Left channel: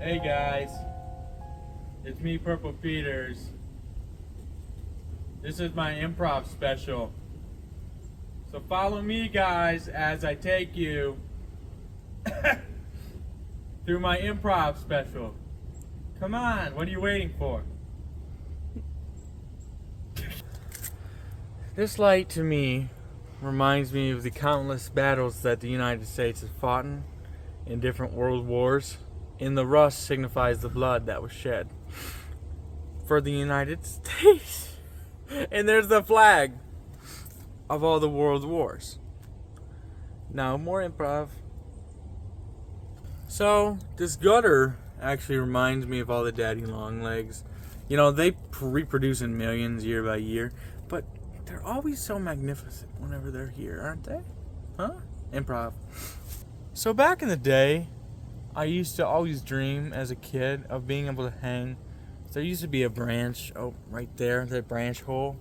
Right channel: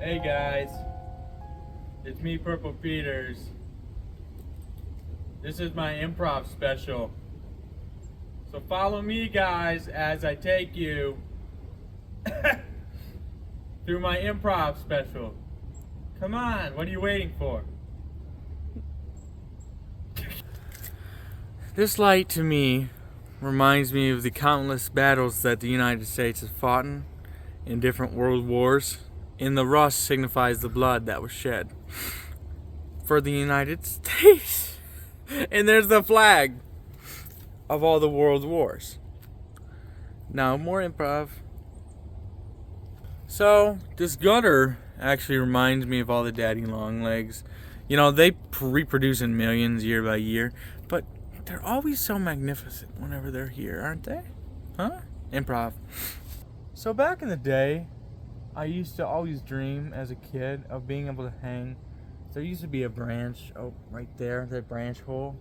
Hey guys, it's me, Purple Peters. This is my improv special. So follow me, guys, as I take you through my improv special. Come on, what are you waiting for? This light to me reminds me of the countless battles that the United States has fought in different world wars. And the rust signifies the blood that was shed for the United States. And there's the flag of all the world wars. Now, more improv. So, this gutter actually reminds me of all the daddy long legs. You know, they reproduce in millions year by year, but they're always so magnificent whenever they're here, aren't they? Huh? Improv. So back in the day, I used to always dream as a kid of being able to hang. There used to be a branch, right there, that branch hole.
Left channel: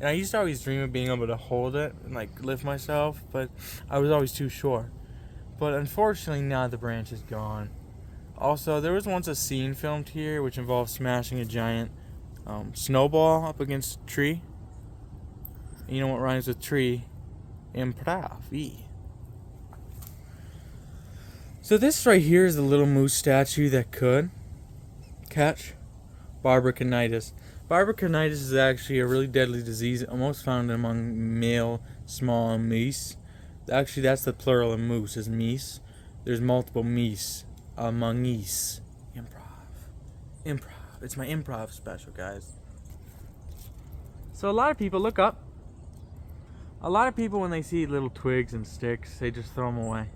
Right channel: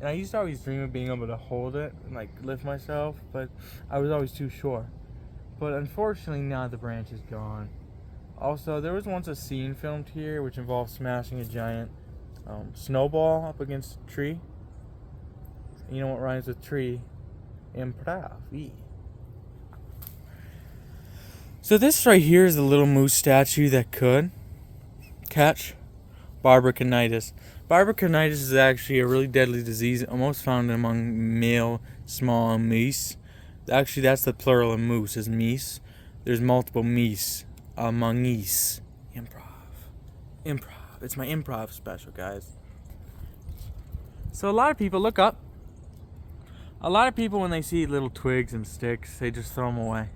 And I used to always dream of being able to hold it and like lift myself, but I was always too short. But unfortunately now the branch is gone. Also, there was once a scene filmed here which involved smashing a giant snowball up against a tree. And you know what rhymes with tree? Improv. So this right here is the little moose statue that could catch barbaricanitis. Barbaricanitis is actually a really deadly disease, almost found among male small meese. Actually, that's the plural of moose, is meese. There's multiple meese among geese. Improv. It's my improv special, guys. So a lot of people look up. A lot of people, when they see little twigs and sticks, they just throw them away.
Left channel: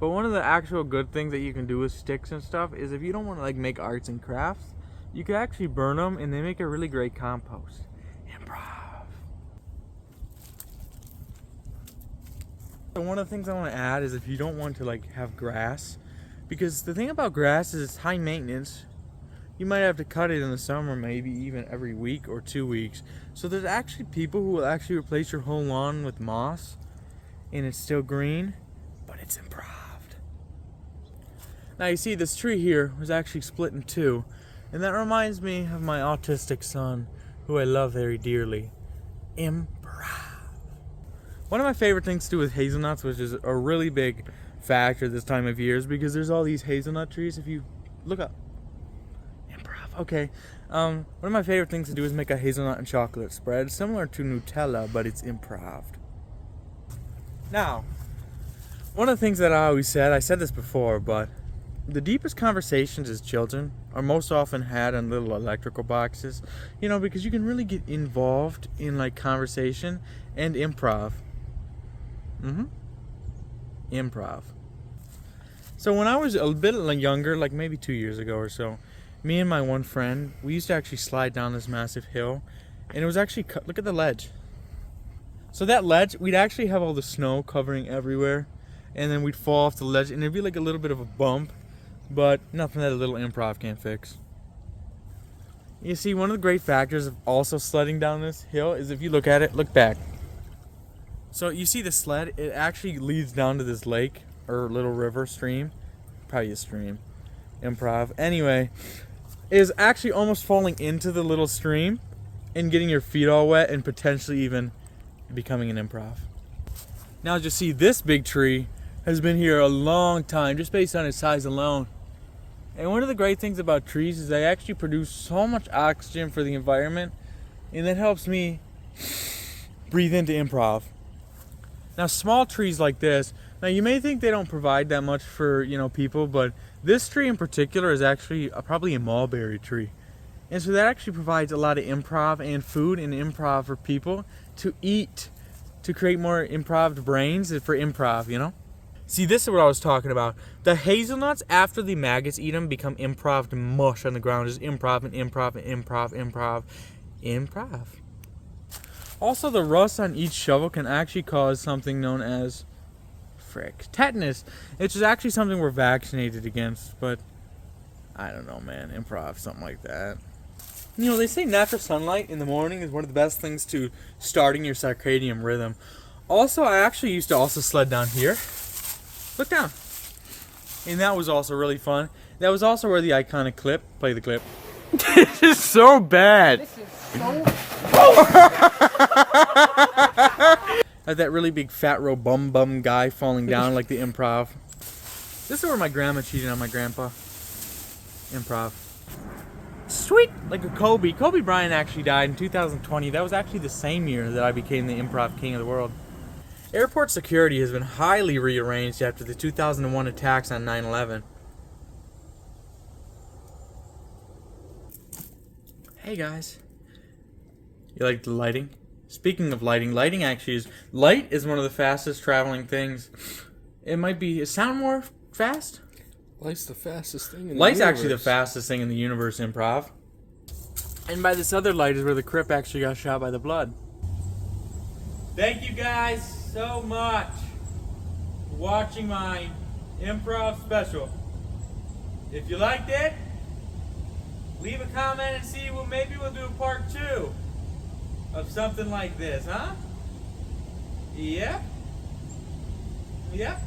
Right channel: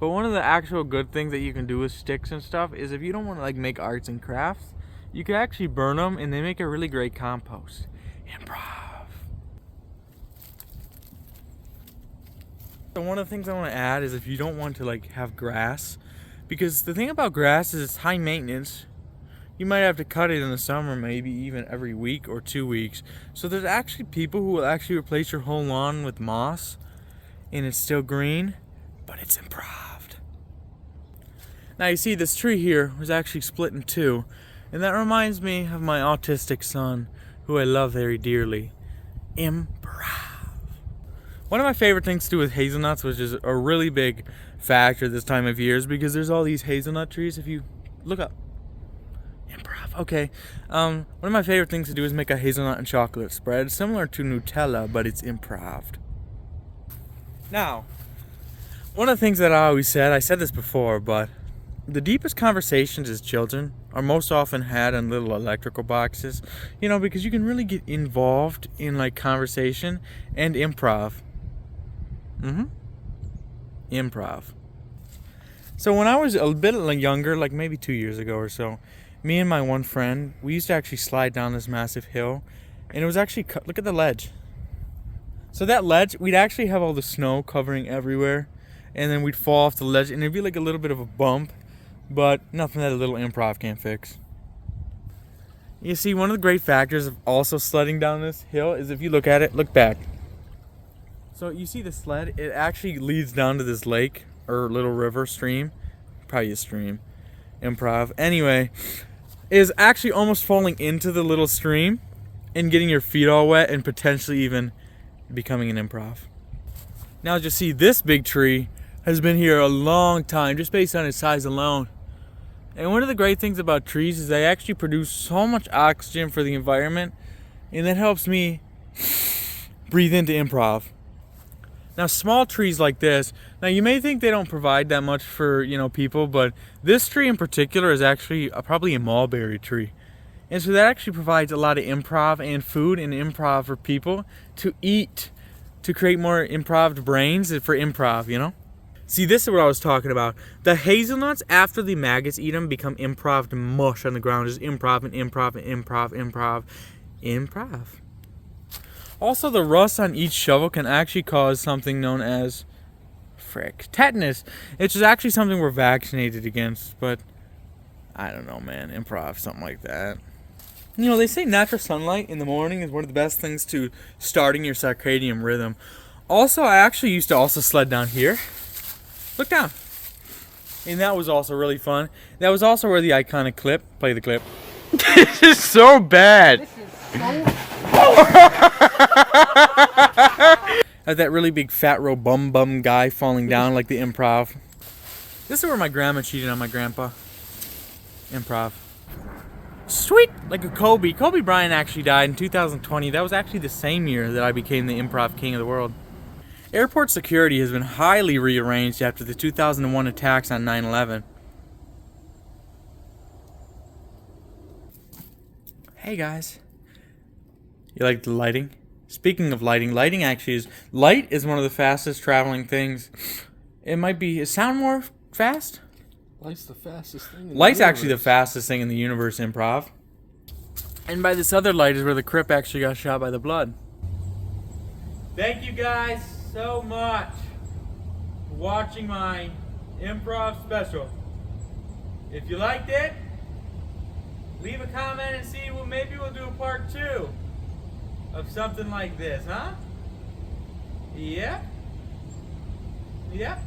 But one of the actual good things that you can do with sticks and stuff is if you don't want to like make arts and crafts, you can actually burn them and they make a really great compost. Improv. And one of the things I want to add is if you don't want to like have grass, because the thing about grass is it's high maintenance. You might have to cut it in the summer, maybe even every week or 2 weeks. So there's actually people who will actually replace your whole lawn with moss and it's still green, but it's improv. Now you see this tree here was actually split in two, and that reminds me of my autistic son, who I love very dearly. Improv. One of my favorite things to do with hazelnuts, which is a really big factor this time of year, is because there's all these hazelnut trees. If you look up. Improv. Okay. One of my favorite things to do is make a hazelnut and chocolate spread, similar to Nutella, but it's improved. Now, one of the things that I always said, I said this before, but the deepest conversations as children are most often had in little electrical boxes, you know, because you can really get involved in like conversation and improv. Improv. So when I was a bit younger, like maybe 2 years ago or so, me and my one friend, we used to actually slide down this massive hill, and it was actually, look at the ledge. So that ledge, we'd actually have all the snow covering everywhere, and then we'd fall off the ledge, and it'd be like a little bit of a bump, but nothing that a little improv can't fix. You see, one of the great factors of also sledding down this hill is if you look at it, look back. So you see the sled, it actually leads down to this lake, or little river, stream, probably a stream, improv. Anyway, is actually almost falling into the little stream and getting your feet all wet and potentially even becoming an improv. Now just see, this big tree has been here a long time, just based on its size alone. And one of the great things about trees is they actually produce so much oxygen for the environment, and that helps me breathe into improv. Now small trees like this, now you may think they don't provide that much for, you know, people, but this tree in particular is actually probably a mulberry tree. And so that actually provides a lot of improv and food and improv for people to eat, to create more improved brains for improv, you know? See, this is what I was talking about. The hazelnuts, after the maggots eat them, become improved mush on the ground. Just improv and improv and improv. Also, the rust on each shovel can actually cause something known as tetanus. It's just actually something we're vaccinated against, but I don't know, man. Improv, something like that. You know, they say natural sunlight in the morning is one of the best things to starting your circadian rhythm. Also, I actually used to also sled down here. Look down. And that was also really fun. That was also where the iconic clip, play the clip. This is so bad. This is so That really big fat row bum guy falling down like the Improv. This is where my grandma cheated on my grandpa. Improv. Sweet, like a Kobe. Kobe Bryant actually died in 2020. That was actually the same year that I became the Improv King of the World. Airport security has been highly rearranged after the 2001 attacks on 9/11. Hey guys. You like the lighting? Speaking of lighting, light is one of the fastest traveling things. It sound more fast? Light's the fastest thing in the Light's universe. actually the fastest thing in the universe, Improv. And by this other light is where the Crip actually got shot by the blood. Thank you guys so much for watching my Improv special. If you liked it, leave a comment and see, well, maybe we'll do a part 2 of something like this, huh? Yep. Yep.